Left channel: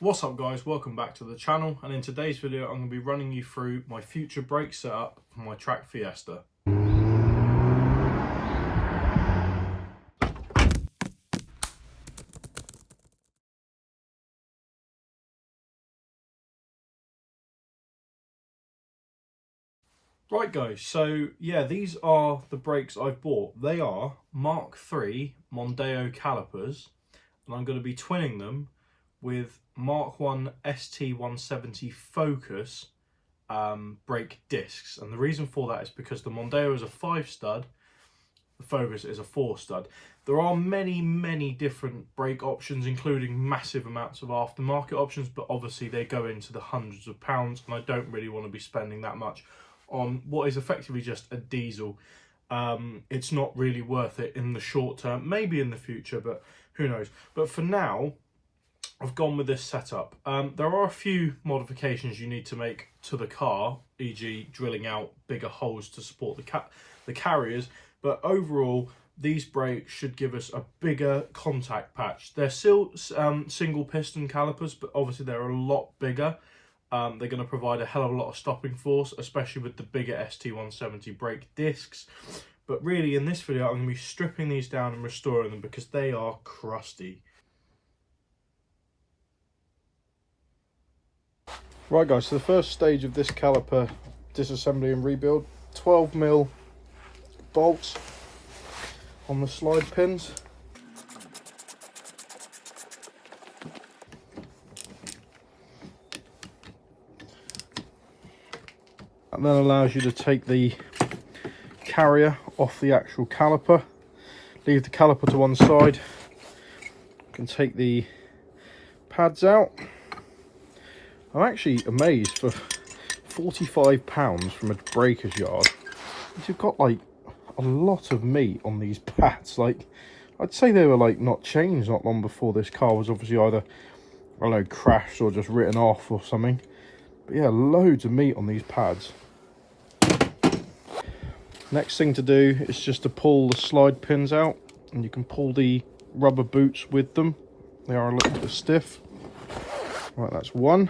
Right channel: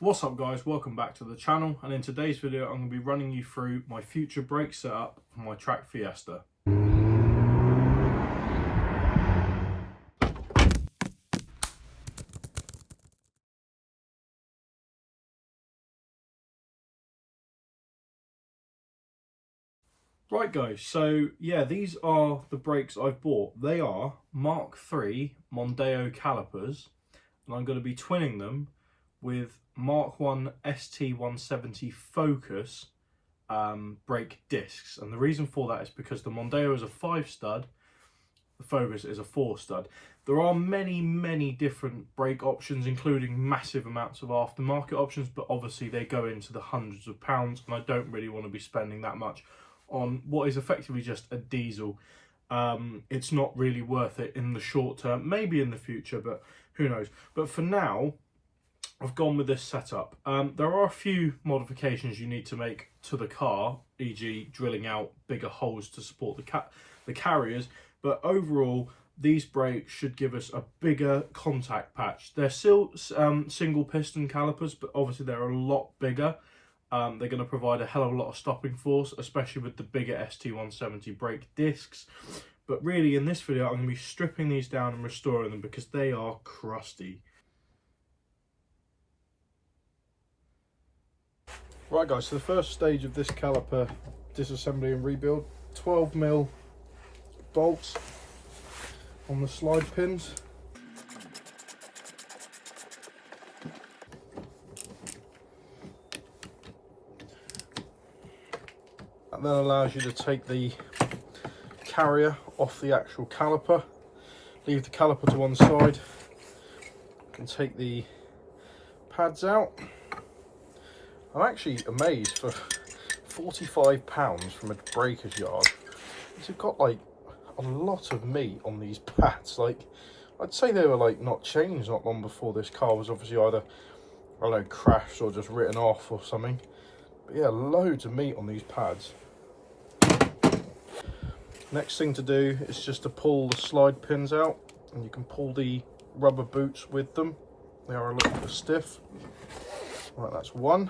What's up guys, welcome back to the channel, and in today's video I'm going to be running you through my future brake setup for my track Fiesta. Right guys, so yeah, these are the brakes I've bought. They are Mk3 Mondeo calipers, and I'm going to be twinning them with Mk1 ST170 Focus brake discs. And the reason for that is because the Mondeo is a 5-stud, the Focus is a 4-stud. There are many different brake options, including massive amounts of aftermarket options, but obviously they go into the hundreds of pounds, and I don't really want to be spending that much on what is effectively just a diesel. It's not really worth it in the short term, maybe in the future, but who knows. But for now, I've gone with this setup. There are a few modifications you need to make to the car, e.g. drilling out bigger holes to support the carriers, but overall these brakes should give us a bigger contact patch. They're still single piston calipers, but obviously they're a lot bigger. They're going to provide a hell of a lot of stopping force, especially with the bigger ST170 brake discs. But really in this video I'm going to be stripping these down and restoring them because they are crusty. Right guys, so the first stage of this caliper disassembly and rebuild, 12mm bolts on the slide pins. And then allows you to take the carrier off the actual caliper, leave the caliper to one side. You can take the pads out. I'm actually amazed for £45 from a breaker's yard. You've got like a lot of meat on these pads. Like, I'd say they were like not changed not long before this car was obviously either, I don't know, crashed or just written off or something. But yeah, loads of meat on these pads. Next thing to do is just to pull the slide pins out, and you can pull the rubber boots with them. They are a little bit stiff. Right, that's one.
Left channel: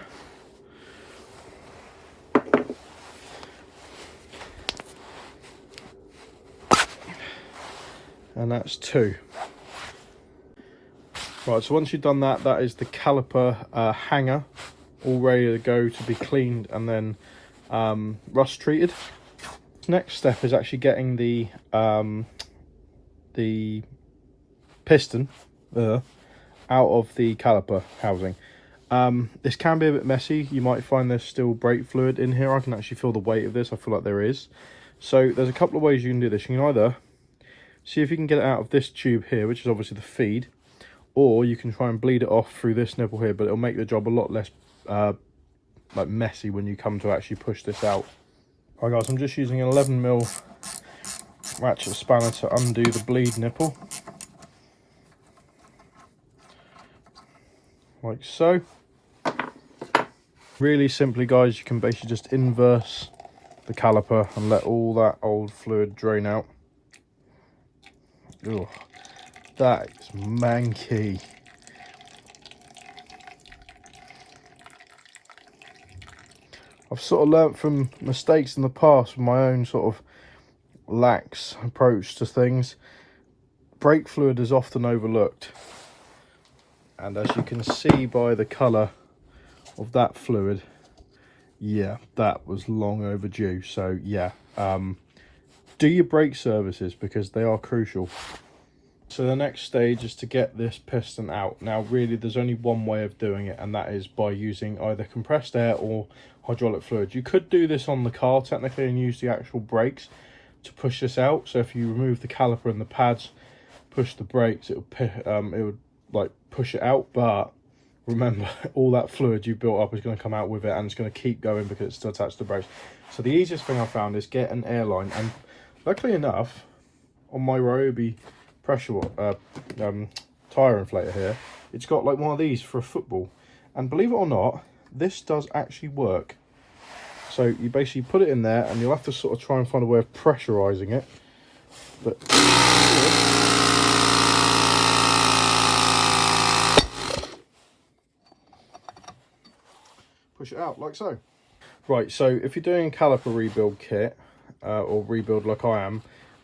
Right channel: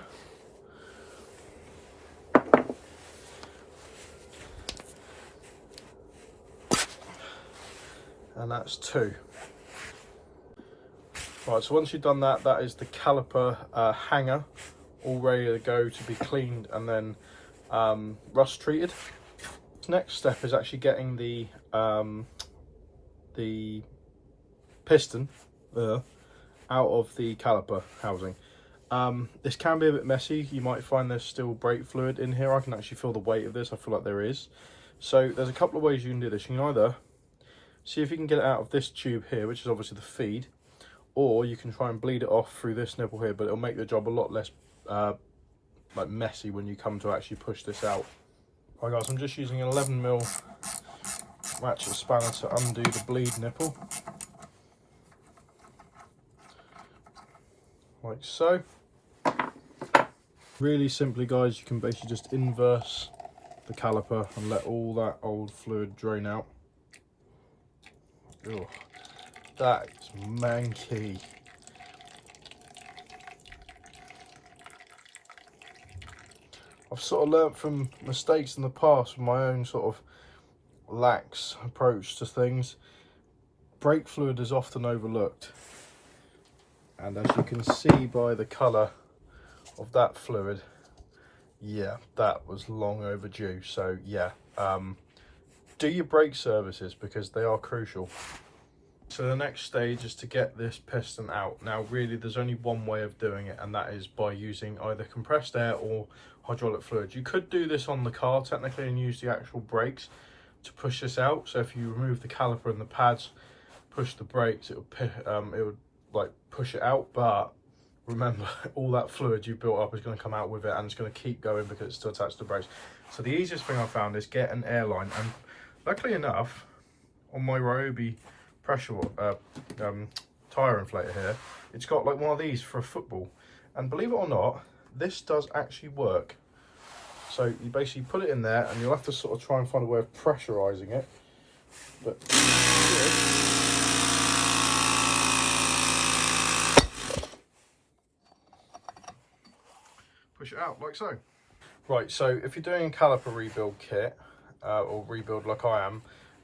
And that's two. Right, so once you've done that, that is the caliper hanger, all ready to go to be cleaned and then rust treated. Next step is actually getting the piston out of the caliper housing. This can be a bit messy. You might find there's still brake fluid in here. I can actually feel the weight of this. I feel like there is. So there's a couple of ways you can do this. You can either see if you can get it out of this tube here, which is obviously the feed, or you can try and bleed it off through this nipple here, but it'll make the job a lot less like messy when you come to actually push this out. Right guys, I'm just using an 11mm ratchet spanner to undo the bleed nipple, like so. Really simply guys, you can basically just inverse the caliper and let all that old fluid drain out. Ugh, that is manky. I've sort of learnt from mistakes in the past with my own sort of lax approach to things. Brake fluid is often overlooked, and as you can see by the colour of that fluid, yeah, that was long overdue. So yeah, do your brake services because they are crucial. So the next stage is to get this piston out. Now really there's only one way of doing it, and that is by using either compressed air or hydraulic fluid. You could do this on the car technically and use the actual brakes to push this out. So if you remove the caliper and the pads, push the brakes, it would like push it out. But remember, all that fluid you built up is going to come out with it, and it's going to keep going because it's still attached to the brakes. So the easiest thing I found is get an airline, and luckily enough on my Ryobi pressure tyre inflator here, it's got like one of these for a football, and believe it or not, this does actually work. So you basically put it in there, and you'll have to sort of try and find a way of pressurizing it, but push it out like so. Right, so if you're doing a caliper rebuild kit, or rebuild like I am,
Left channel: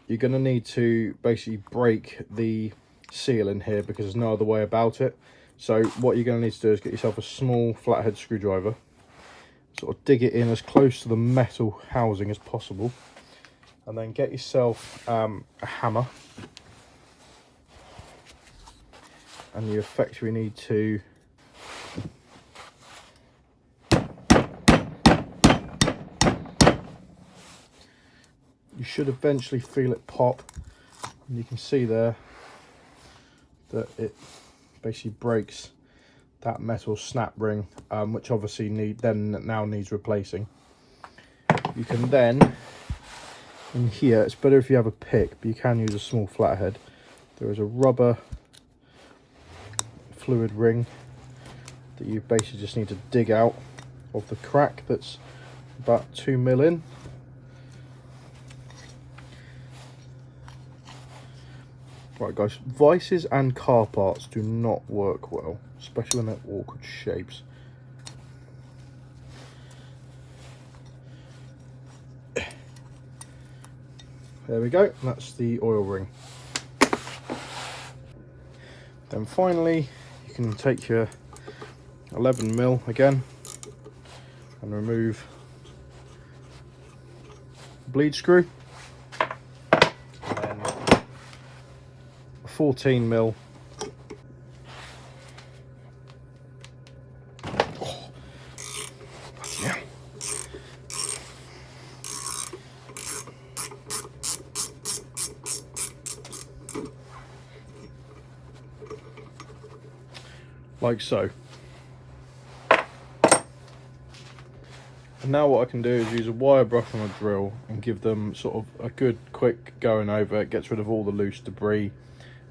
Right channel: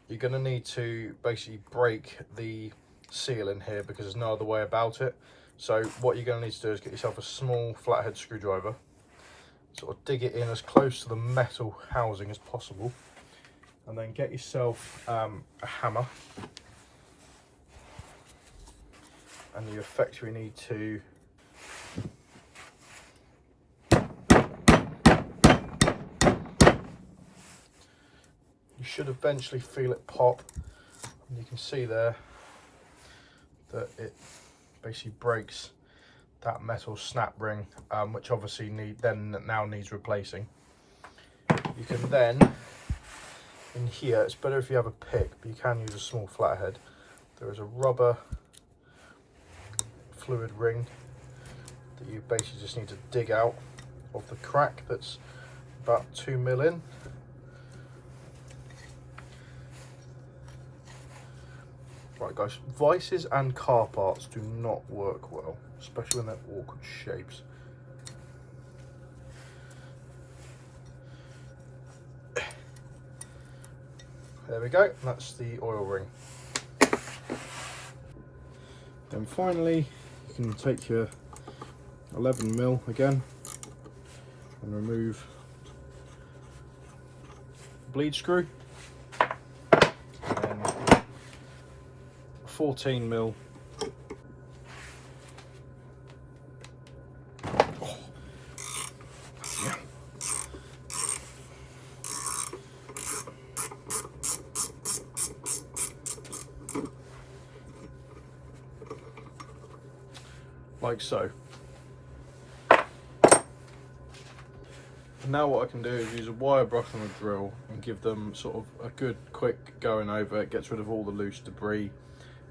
you're going to need to basically break the seal in here because there's no other way about it. So what you're going to need to do is get yourself a small flathead screwdriver, sort of dig it in as close to the metal housing as possible, and then get yourself a hammer, and you effectively need to you should eventually feel it pop, and you can see there that it basically breaks that metal snap ring, which obviously now needs replacing. You can then, in here, it's better if you have a pick, but you can use a small flathead. There is a rubber fluid ring that you basically just need to dig out of the crack that's about 2 mil in. Right guys, vices and car parts do not work well, especially when they're awkward shapes. There we go, that's the oil ring. Then finally, you can take your 11 mil again and remove the bleed screw. 14 mil. Oh. Yeah. Like so. And now what I can do is use a wire brush on a drill and give them sort of a good quick going over. It gets rid of all the loose debris.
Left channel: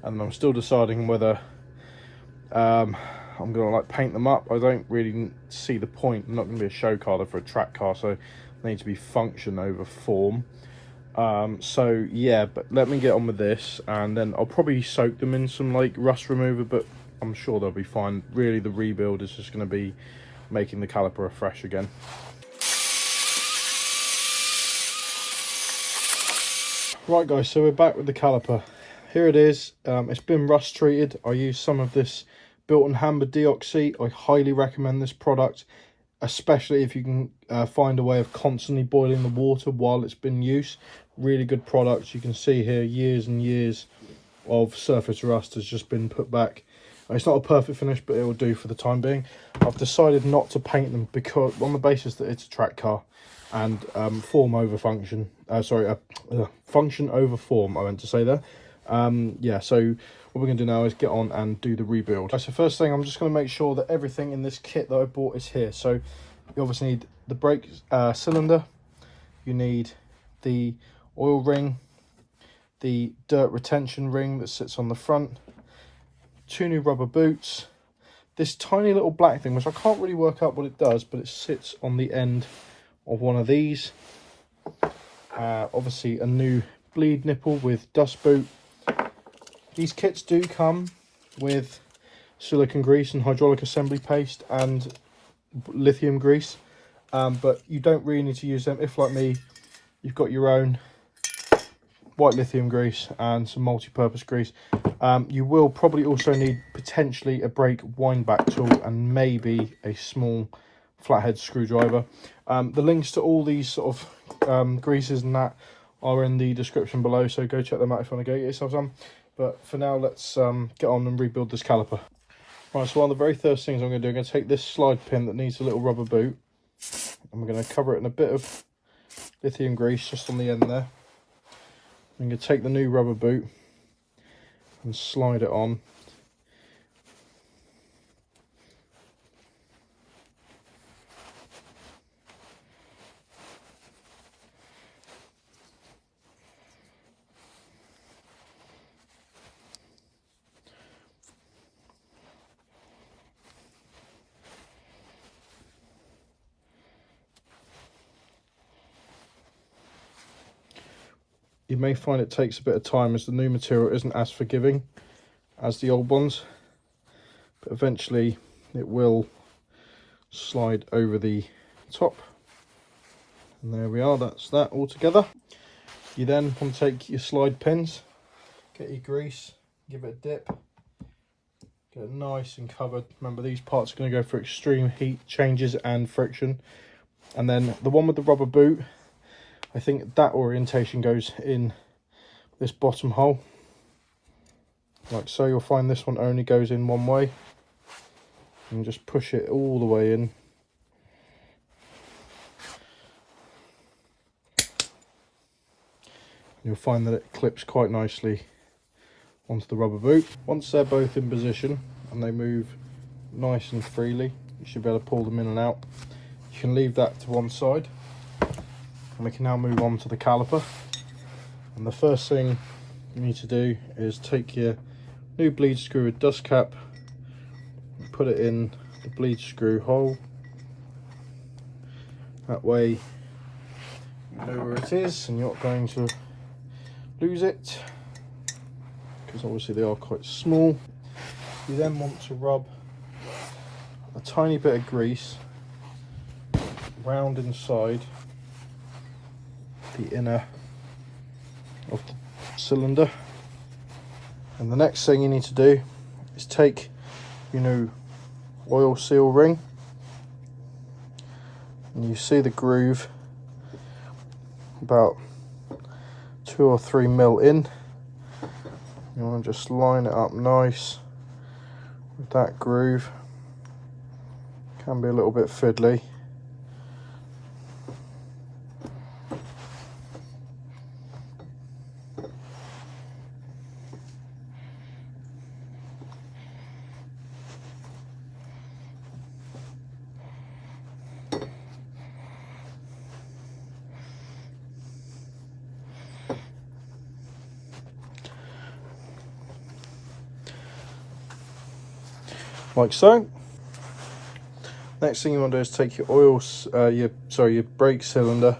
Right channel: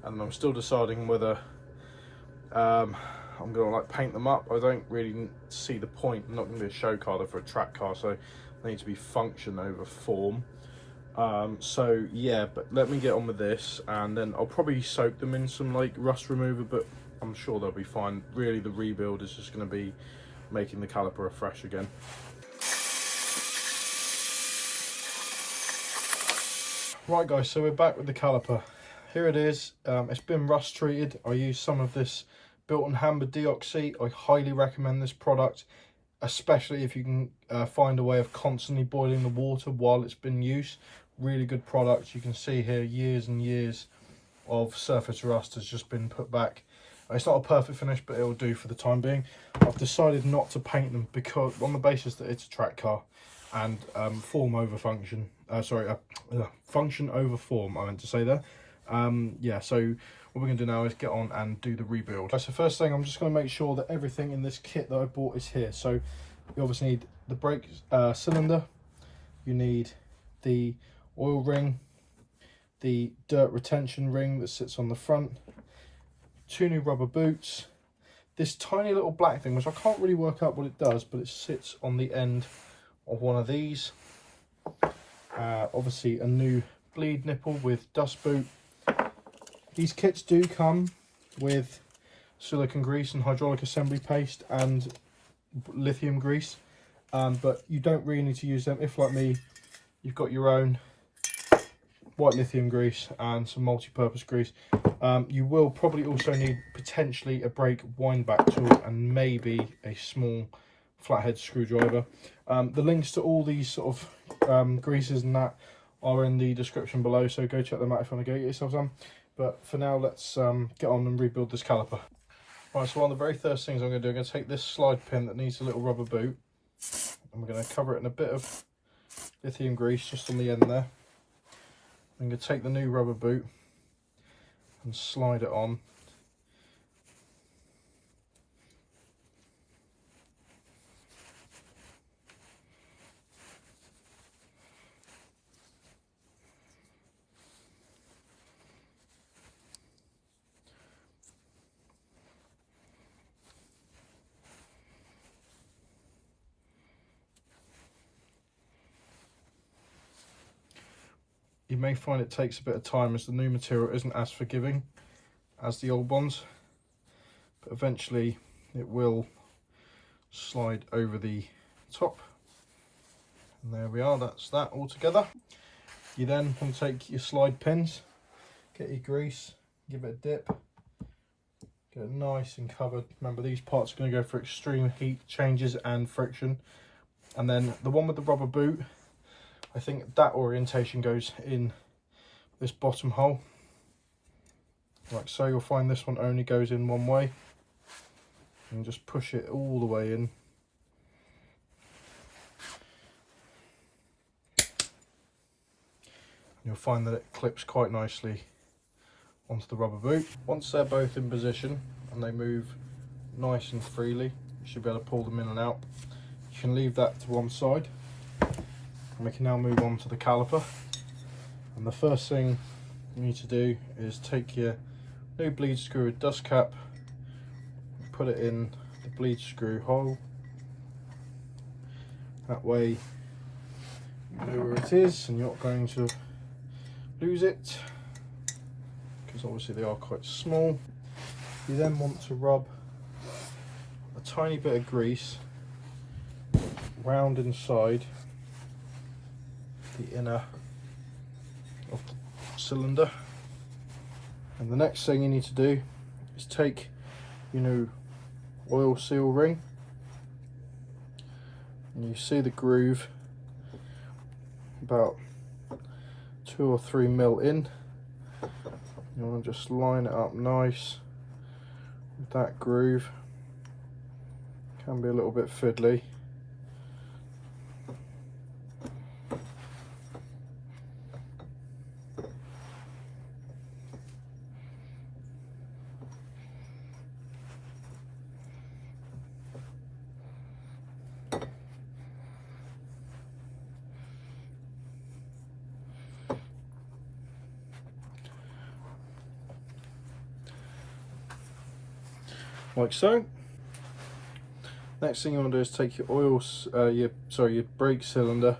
And I'm still deciding whether I'm gonna like paint them up. I don't really see the point. I'm not gonna be a show car for a track car, so they need to be function over form. So yeah, but let me get on with this, and then I'll probably soak them in some like rust remover, but I'm sure they'll be fine. Really, the rebuild is just gonna be making the caliper afresh again. Right guys, so we're back with the caliper. Here it is. It's been rust treated. I used some of this built and hammered deoxy. I highly recommend this product, especially if you can find a way of constantly boiling the water while it's been used. Really good product. You can see here years and years of surface rust has just been put back. It's not a perfect finish, but it will do for the time being. I've decided not to paint them because on the basis that it's a track car and form over function. Function over form, I meant to say there. Yeah, so what we're going to do now is get on and do the rebuild. So first thing, I'm just going to make sure that everything in this kit that I bought is here. So you obviously need the brake cylinder, you need the oil ring, the dirt retention ring that sits on the front, 2 new rubber boots, this tiny little black thing, which I can't really work out what it does, but it sits on the end of one of these. Obviously a new bleed nipple with dust boot. These kits do come with silicone grease and hydraulic assembly paste and lithium grease, but you don't really need to use them. If like me, you've got your own white lithium grease and some multi-purpose grease. You will probably also need potentially a brake wind back tool and maybe a small flathead screwdriver. The links to all these sort of greases and that are in the description below, so go check them out if you want to go get yourself some. But for now, let's get on and rebuild this caliper. Right, so one of the very first things I'm going to do, I'm going to take this slide pin that needs a little rubber boot, and we're going to cover it in a bit of lithium grease just on the end there. I'm going to take the new rubber boot and slide it on. You may find it takes a bit of time as the new material isn't as forgiving as the old ones, but eventually it will slide over the top, and there we are, that's that all together. You then want to take your slide pins, get your grease, give it a dip, get it nice and covered. Remember, these parts are going to go through extreme heat changes and friction. And then the one with the rubber boot, I think that orientation goes in this bottom hole, like so. You'll find this one only goes in one way, and just push it all the way in. You'll find that it clips quite nicely onto the rubber boot. Once they're both in position and they move nice and freely, you should be able to pull them in and out. You can leave that to one side, and we can now move on to the caliper. And the first thing you need to do is take your new bleed screw with dust cap, put it in the bleed screw hole. That way you know where it is and you're not going to lose it, because obviously they are quite small. You then want to rub a tiny bit of grease round inside the inner of the cylinder. And the next thing you need to do is take your new oil seal ring, and you see the groove about 2 or 3 mil in. You want to just line it up nice with that groove. Can be a little bit fiddly. Like so. Next thing you want to do is take your oil, your brake cylinder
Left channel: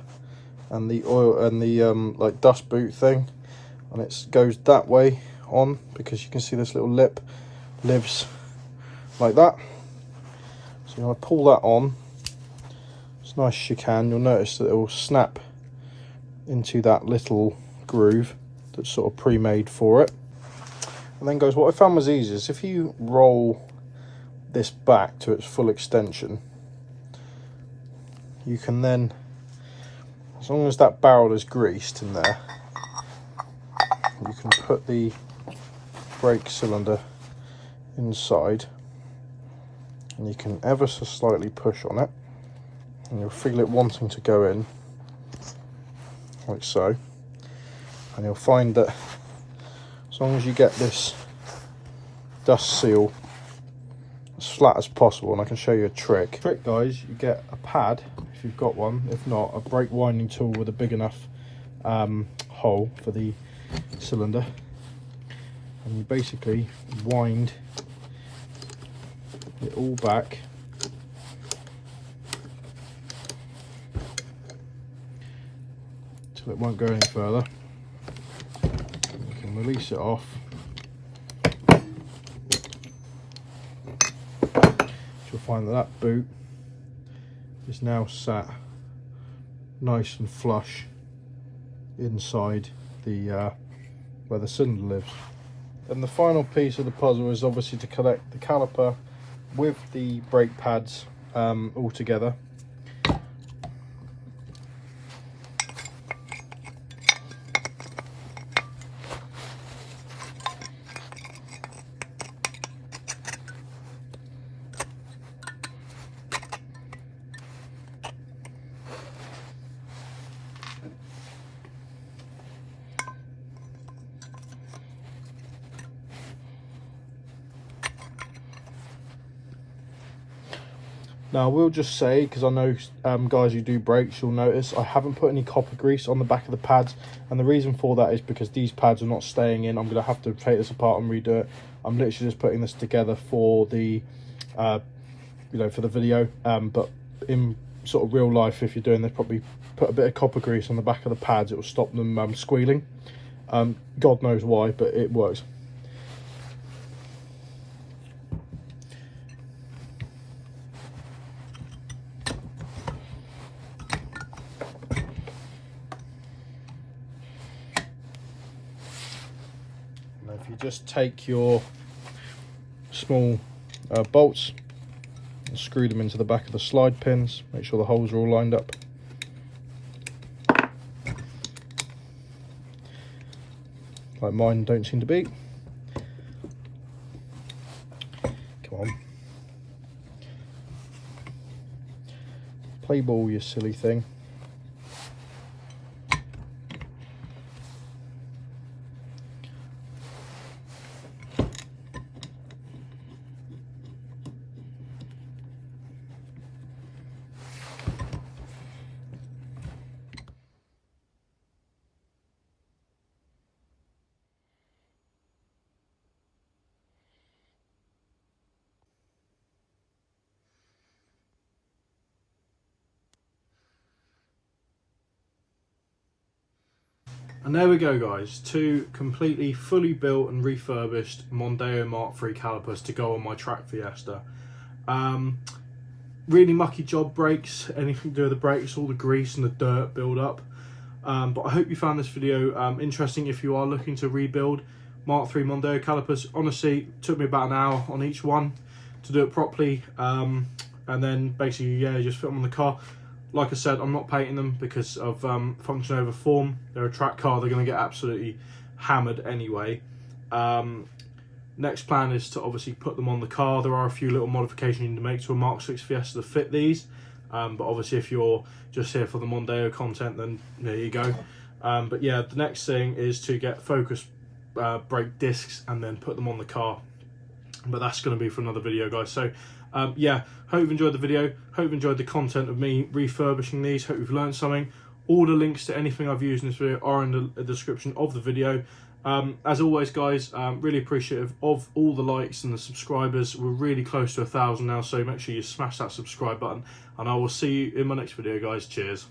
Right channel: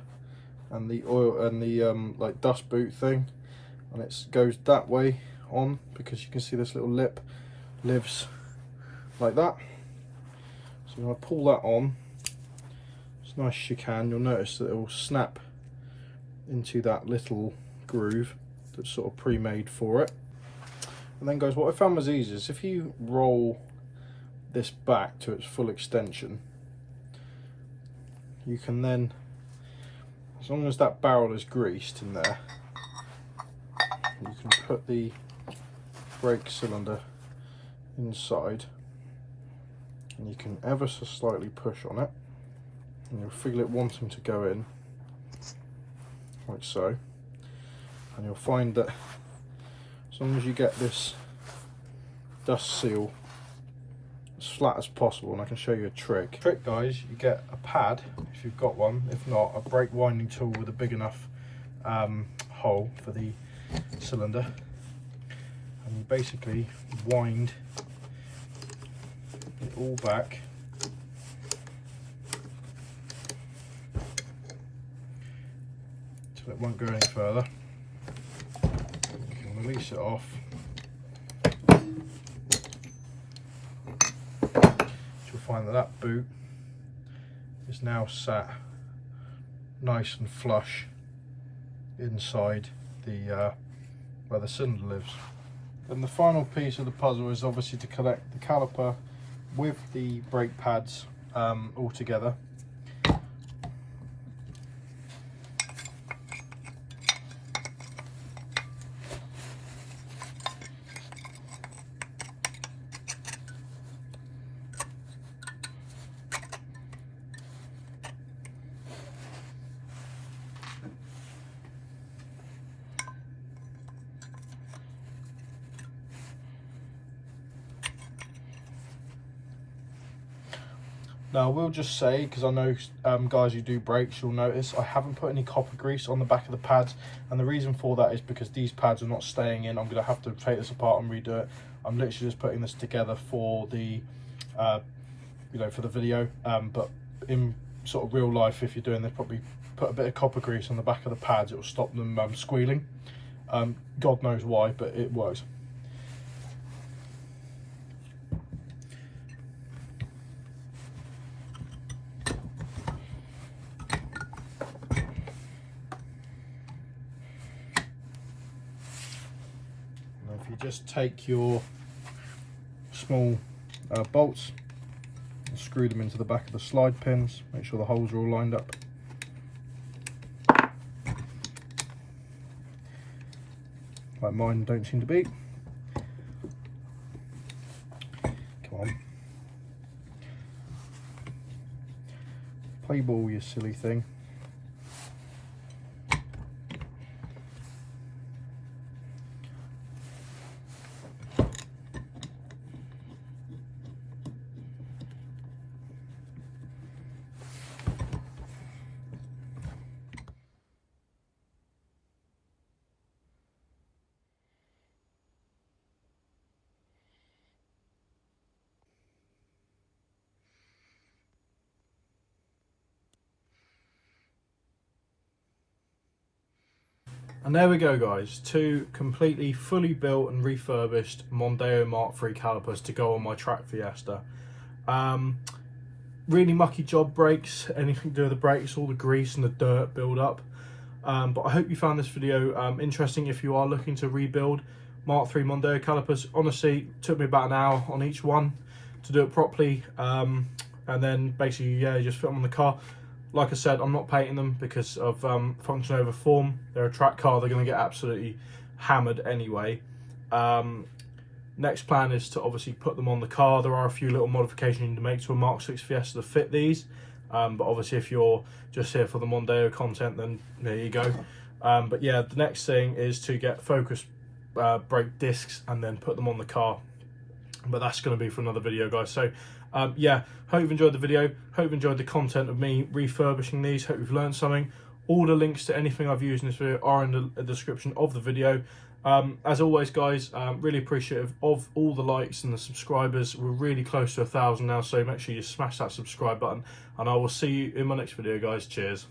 and the oil and the like dust boot thing, and it goes that way on, because you can see this little lip lives like that. So you want to pull that on as nice as you can. You'll notice that it will snap into that little groove that's sort of pre-made for it. And then, guys, what I found was easy is if you roll this back to its full extension, you can then, as long as that barrel is greased in there, you can put the brake cylinder inside, and you can ever so slightly push on it, and you'll feel it wanting to go in, like so. And you'll find that as long as you get this dust seal as flat as possible, and I can show you a trick. Guys, you get a pad if you've got one. If not, a brake winding tool with a big enough hole for the cylinder, and you basically wind it all back till it won't go any further. You can release it off. Find that boot is now sat nice and flush inside the where the cylinder lives. And the final piece of the puzzle is obviously to connect the caliper with the brake pads all together. Now I will just say, because I know guys who do brakes, you'll notice I haven't put any copper grease on the back of the pads, and the reason for that is because these pads are not staying in. I'm going to have to take this apart and redo it. I'm literally just putting this together for the for the video, but in sort of real life, if you're doing this, probably put a bit of copper grease on the back of the pads. It will stop them squealing. God knows why, but it works. you just take your small bolts and screw them into the back of the slide pins. Make sure the holes are all lined up. Like mine don't seem to be. Come on. Play ball, you silly thing. And there we go, guys, 2 completely fully built and refurbished Mondeo Mark III calipers to go on my track Fiesta. Really mucky job, brakes, anything to do with the brakes, all the grease and the dirt build up. But I hope you found this video interesting if you are looking to rebuild Mark III Mondeo calipers. Honestly, it took me about an hour on each one to do it properly. And then basically, yeah, just fit them on the car. Like I said, I'm not painting them because of function over form. They're a track car, they're going to get absolutely hammered anyway. Next plan is to obviously put them on the car. There are a few little modifications you need to make to a Mk6 Fiesta to fit these. But obviously if you're just here for the Mondeo content, then there you go. But yeah, the next thing is to get focus brake discs and then put them on the car. But that's going to be for another video, guys. So yeah, hope you've enjoyed the video. Hope you've enjoyed the content of me refurbishing these. Hope you've learned something. All the links to anything I've used in this video are in the description of the video. As always, guys, really appreciative of all the likes and the subscribers. We're really close to 1,000 now, so make sure you smash that subscribe button, and I will see you in my next video, guys. Cheers.